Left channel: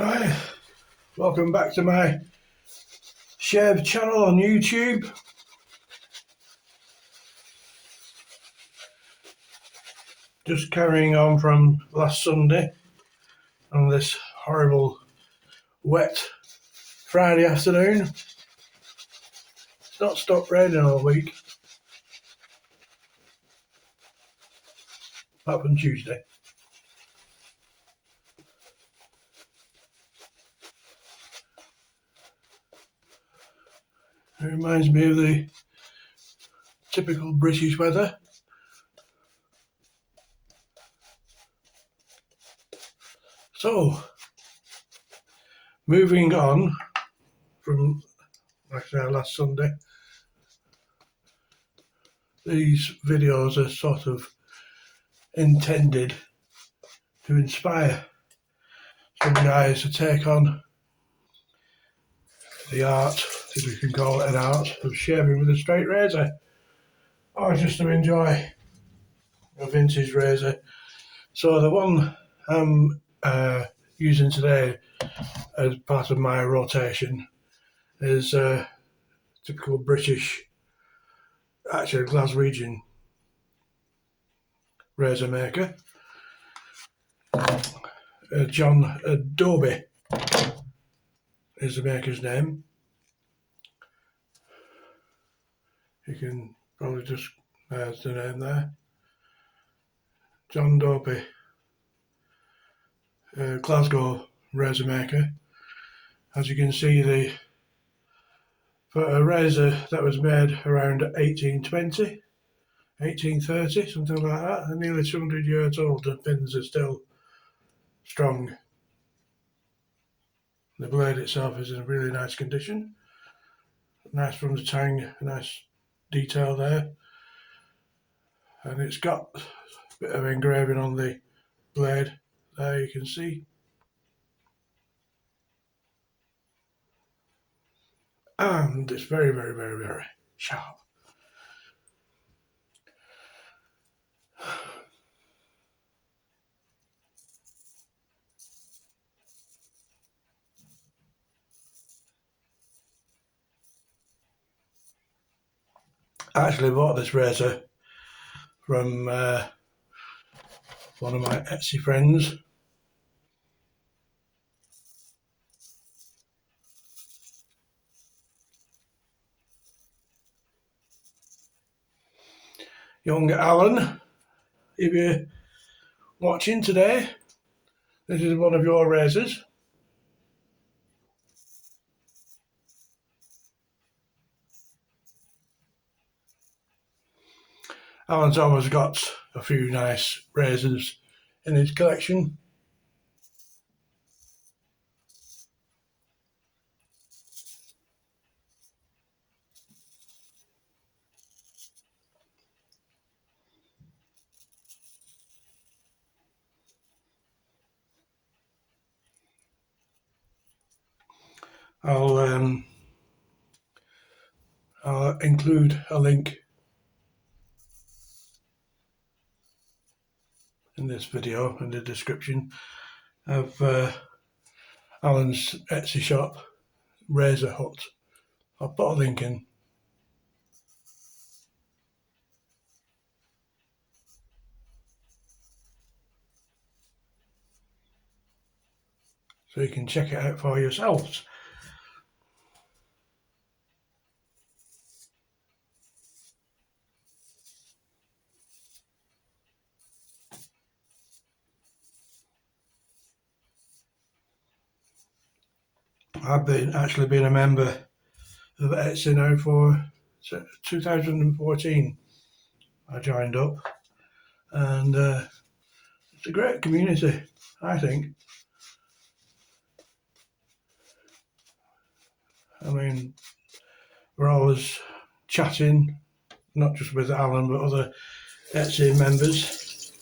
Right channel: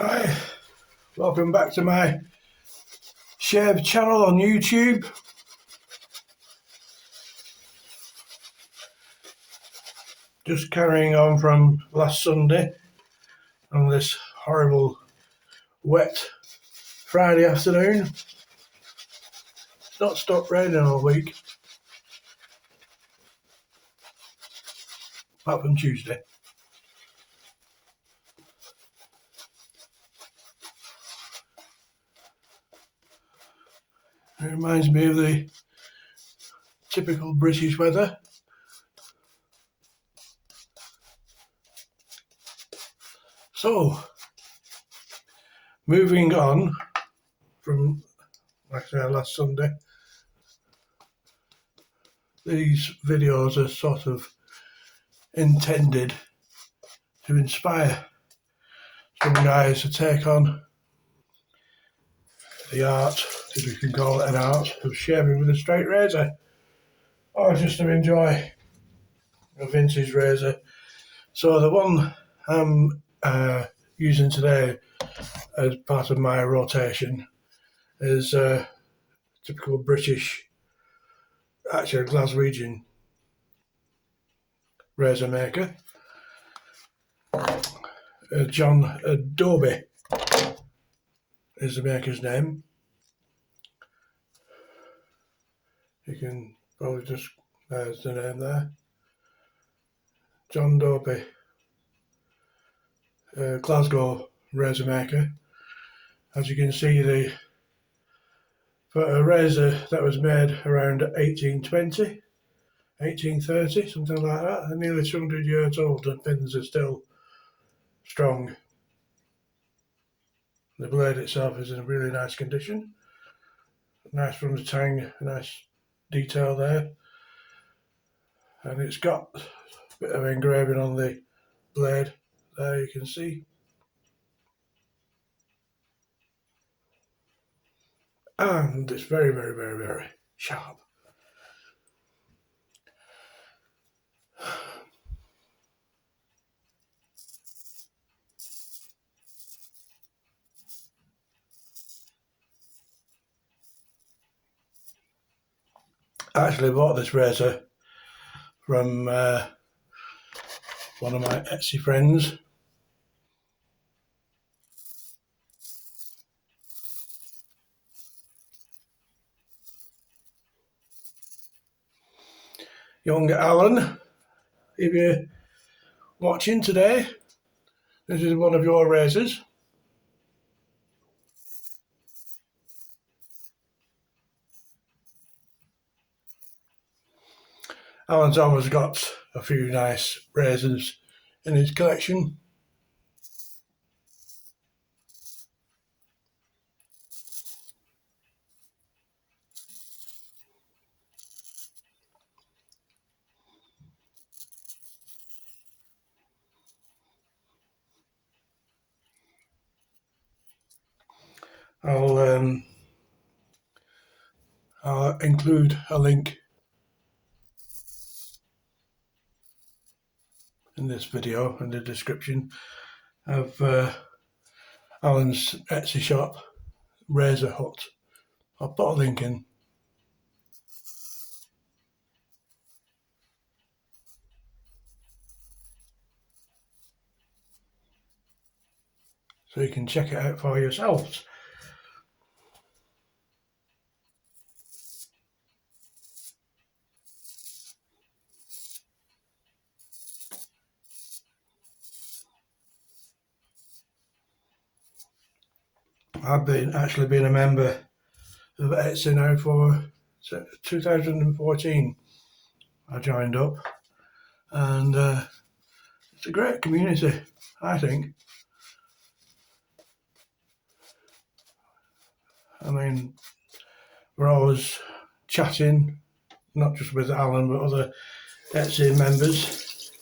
Hi, welcome back to my shave channel on YouTube. Just carrying on from last Sunday on this horrible wet Friday afternoon. It's not stopped raining all week, apart from Tuesday. It reminds me of the typical British weather. So, moving on from, like I said, last Sunday, these videos are sort of intended to inspire some guys to take on the art, if you can call it an art, of shaving with a straight razor, or just to enjoy a vintage razor. So the one I'm using today as part of my rotation is a typical British, actually Glaswegian razor maker. Dobie is the maker's name. You can probably just, there's the name there. John Dobie, Glasgow razor maker. As you can see, for a razor that was made around 1820, 1830, something like that, nearly 200 years old, the pins are still strong. The blade itself is in really nice condition. Nice from the tang, nice detail there. And it's got a bit of engraving on the blade there, you can see. And it's very, very, very, very sharp. I actually bought this razor from one of my Etsy friends. Young Alan, if you're watching today, this is one of your razors. Alan's always got a few nice razors in his collection. I'll include a link in this video in the description of Alan's Etsy shop, Razor Hut. I'll put a link in. So you can check it out for yourselves. I've actually been a member of Etsy now for 2014. I joined up, and it's a great community, I think. I mean, we're always chatting, not just with Alan, but other Etsy members,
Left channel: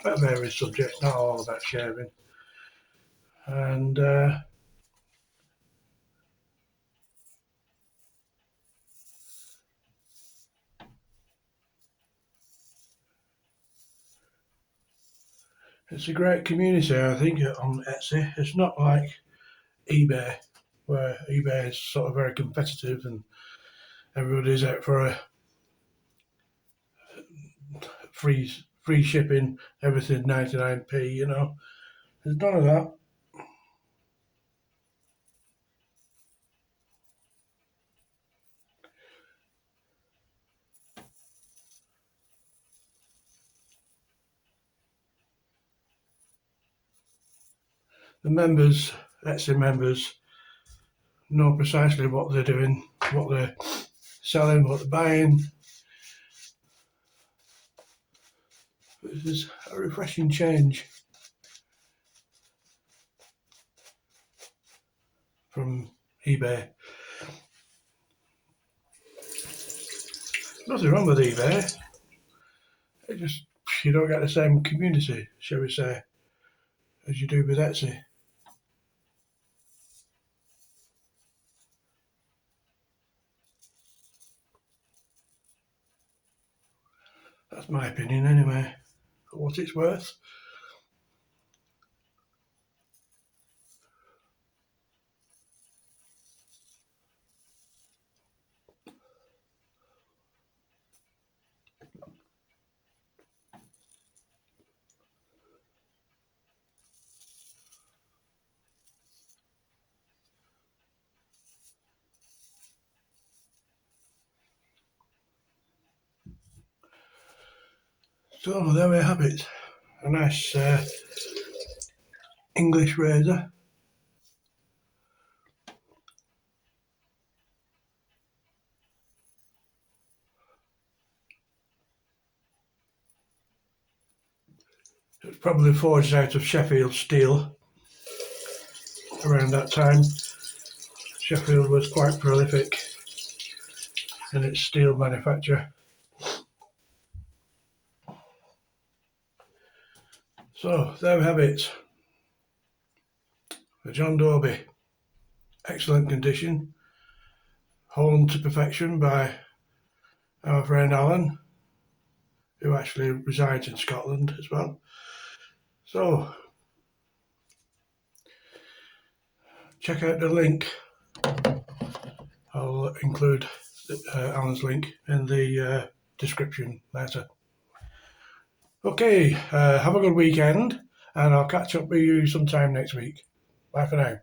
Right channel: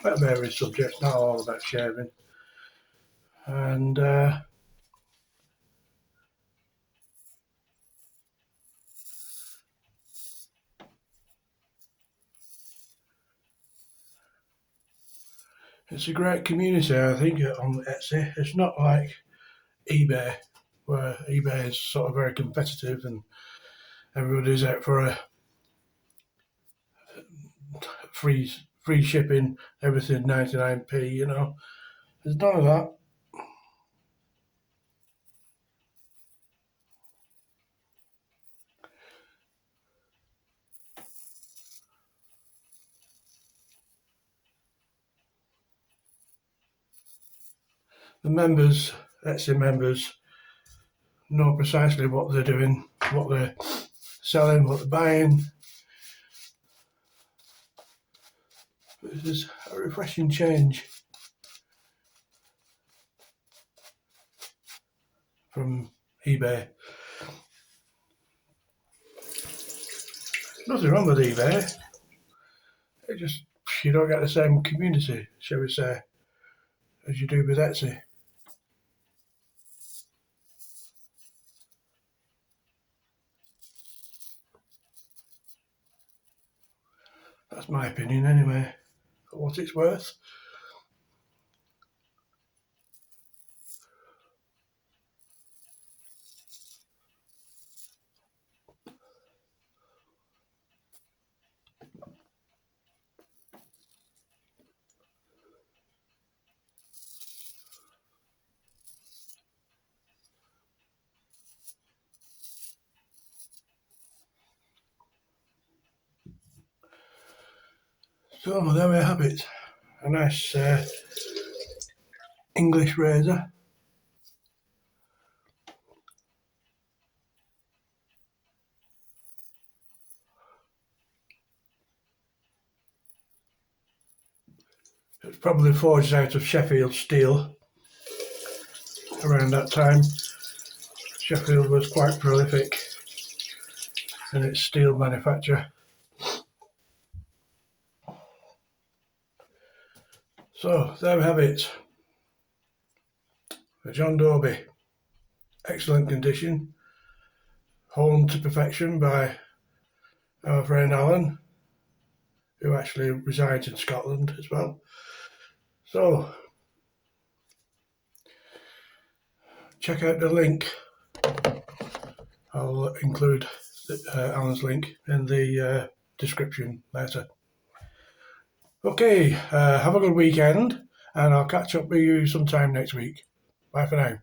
about various subjects, not all about shaving. And It's a great community, I think, on Etsy. It's not like eBay, where eBay is sort of very competitive and everybody's out for a free shipping, everything 99p, you know. There's none of that. The members, Etsy members, know precisely what they're doing, what they're selling, what they're buying. This is a refreshing change from eBay. Nothing wrong with eBay. It just, you don't get the same community, shall we say, as you do with Etsy. That's my opinion anyway, for what it's worth. So there we have it. A nice English razor. It was probably forged out of Sheffield steel around that time. Sheffield was quite prolific in its steel manufacture. So there we have it. A John Dobie. Excellent condition. Honed to perfection by our friend Alan, who actually resides in Scotland as well. So check out the link. I'll include Alan's link in the description later. Okay, have a good weekend, and I'll catch up with you sometime next week. Bye for now.